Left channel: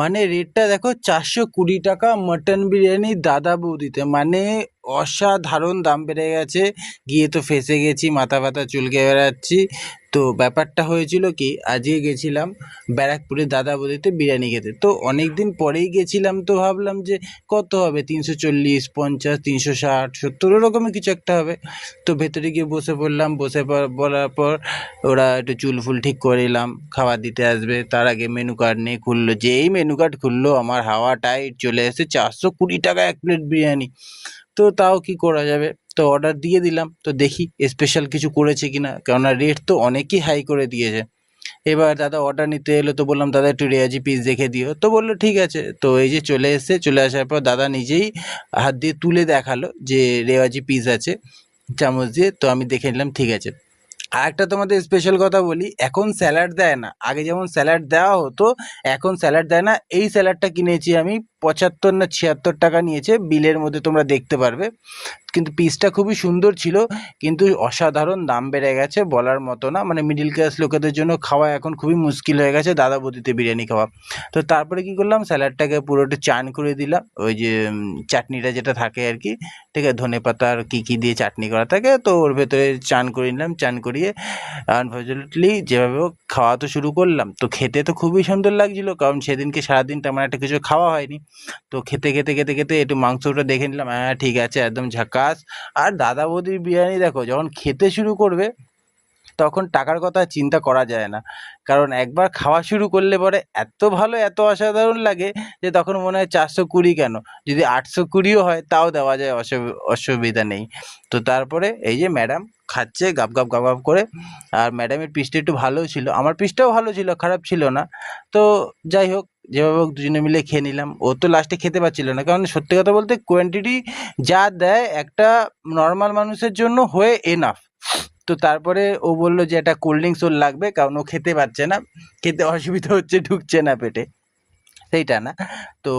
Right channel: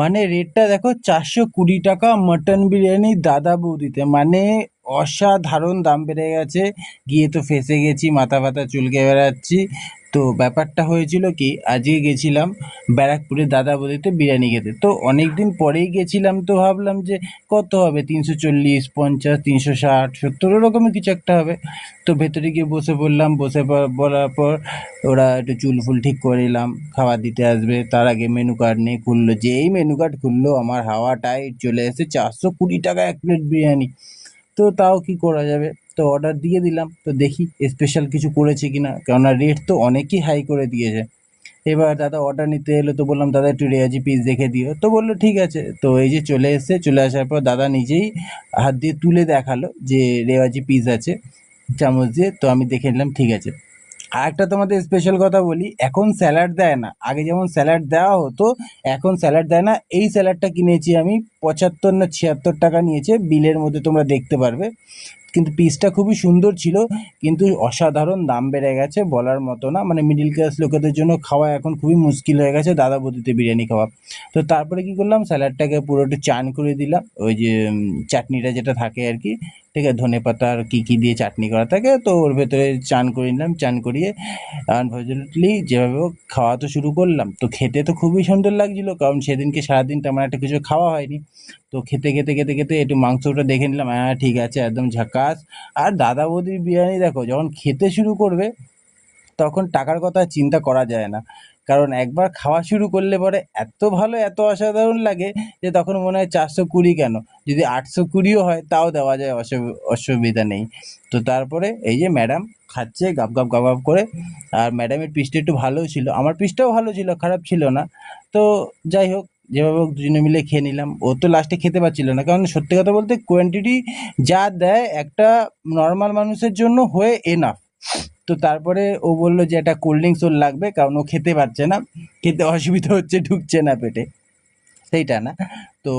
মানে রেটটা দেখো, 420 টাকা মটন বিরিয়ানি দাদা বৌদিতে, মানে অসাধারণ দাম বেড়ে গেছে। গিয়ে তো ফেঁসে গেছি, মাথা ব্যথা চুলকে বেড়াচ্ছি। তো ব্যাপারটা হয়েছিল কি, আজকে গেছিলাম ব্যারাকপুরে দাদা বৌদিতে বিরিয়ানি খেতে। তো অনেক দিন পরেই গেছিলাম, তো ভাবলাম যে কত হবে, 340, 50, 360, 70 ওরকমই কিছু একটা হবে। তো ভেতরে গিয়ে বসে পড়লাম, বলার পর ওরা একটু চুল ফুল ঠিক করে এলাম, খাবার দিতে আসবে। তার আগে মেনু কার্ড নিয়ে খুললো, যেই মেনু কার্ড খুললো আমার হাওয়া টাইট, চলে এসে 420 টাকা এক প্লেট বিরিয়ানি। তো তাও কি করা যাবে, তো অর্ডার দিয়ে দিলাম। তো দেখি স্পেশাল কিছু করেছে কিনা, কেননা রেট তো অনেকই হাই করে দিয়েছে। এবার দাদা অর্ডার নিতে এলো, তো বললাম দাদা একটু রেয়াজি পিস দেখে দিও। তো বললো ঠিক আছে। তো এই যে চলে এসেছে, চলে আসার পর দাদা নিজেই হাত দিয়ে তুলে দেখালো যে রেওয়াজি পিস আছে, চামচ দিয়ে। তো আমি দেখে নিলাম, ঠিক আছে। আরেকটা তোমাদের স্পেশাল কথা বলি, এখন স্যালাড দেয় না, আগে যেমন স্যালাড দেওয়া হতো, এখন স্যালাড দেয় না। এই স্যালাডটা কিনেছি আমি 75 না 76 টাকা নিয়েছে, বিলের মধ্যে তোমরা দেখতে পারবে। কিন্তু পিসটা খুবই সুন্দর ছিল, কিন্তু অসাধারণ দাম বেড়ে গেছে, বলার মতো না। মানে মিডিল ক্লাস লোকেদের জন্য খাওয়া এখন খুবই মুশকিল হয়ে গেছে দাদা বৌদিতে বিরিয়ানি খাওয়া। তো তারপরে কি করলাম, স্যালাডটাকে পুরোটা চান করে দিলাম, ওই যে চাটনিটা যেটা থাকে আর কি, ঠিক আছে, ধনেপাতা আর কী কী দিয়ে চাটনি করা থাকে, তো ওর ভেতরে চান করে নিলাম। চান করিয়ে আনফর্চুনেটলি যেভাবে হোক খাওয়া তো শুরু করলাম। তো খেতে তো খুবই সুন্দর লাগছিল, কারণ সেদিনকে সারাদিন তেমন একটা কিছু খাওয়া হয়নি। তো খেতে খেতে খেতে খেতে একটু মাংসটা দেখে নিলাম, হ্যাঁ ঠিক আছে, একদম ঝাকাস। আর দাদা বৌদির বিরিয়ানি দেখো, যখন খেতে শুরু করবে তখন টাকার কথা আর চিন্তা করা যায় না। কারণ একবার খাওয়া শুরু করলে পরে এত ভালো, এত অসাধারণ লাগে যে তখন মনে হয় 420 কেন, যদি 820ও হয় তাও দেওয়া যায়, অসুবিধা নেই। তো তারপরে এই যে ম্যাডাম খাচ্ছে গাব গাব গাব গাব করে। আর ম্যাডামের পিসটা একটু ভালোও ছিল, আমার পিসটাও ভালো ছিল, খারাপ ছিল না। তো যাই হোক, যেভাবে হোক দুজনে মিলে খেয়ে নিলাম। ও তো লাস্টে খেতে পারছিল না, কারণ সত্যি কথা বলতে কোয়ান্টিটি যা দেয় একটা নর্মাল মানুষের জন্য হয়ে এনাফ। তো তারপরে ও বলল যে একটা কোল্ড ড্রিঙ্কস ওর লাগবে, কারণ ও খেতে পারছে না, খেতে অসুবিধা হচ্ছে, ঢুকছে না পেটে। সেইটা না, তো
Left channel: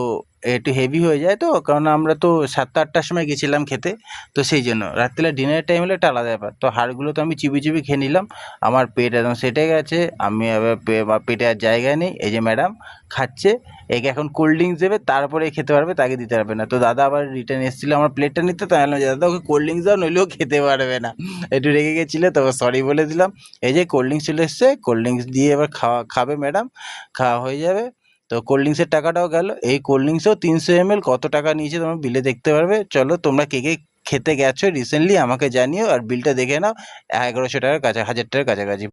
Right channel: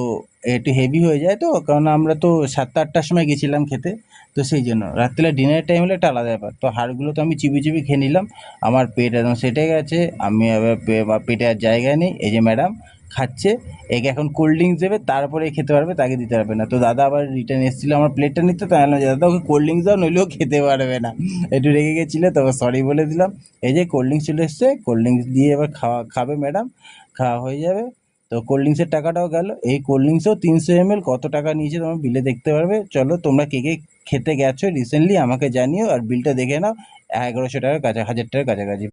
একটু হেভি হয়ে যায়, তো কারণ আমরা তো 7টা-8টার সময় গেছিলাম খেতে। তো সেই জন্য রাত্রিবেলা ডিনারের টাইম হলে একটা আলাদা ব্যাপার। তো হাড়গুলো তো আমি চিবিয়ে চিবিয়ে খেয়ে নিলাম। আমার পেট একদম সেটে গেছে, আমি আবার আমার পেটে আর জায়গা নেই। এই যে ম্যাডাম খাচ্ছে, একে এখন কোল্ড ড্রিঙ্কস দেবে, তারপরে খেতে পারবে, তাকে দিতে পারবে না। তো দাদা আবার রিটার্ন এসেছিলো আমার প্লেটটা নিতে, তাই বললাম যে দাদা ওকে কোল্ড ড্রিঙ্কস দাও, নইলেও খেতে পারবে না। একটু রেগে গেছিলো, তো সরি বলে দিলাম। এই যে কোল্ড ড্রিঙ্কস চলে এসছে, কোল্ড ড্রিঙ্কস দিয়ে এবার খাবে ম্যাডাম, খাওয়া হয়ে যাবে। তো কোল্ড ড্রিঙ্কসের টাকাটাও গেল। এই কোল্ড ড্রিঙ্কসও 300 ml কত টাকা নিয়েছে তোমরা বিলে দেখতে পারবে। চলো তোমরা কে কে খেতে গেছো রিসেন্টলি আমাকে জানিও, আর বিলটা দেখে নাও, 1100 টাকার কাছা, 1000 টাকার কাছাকাছি।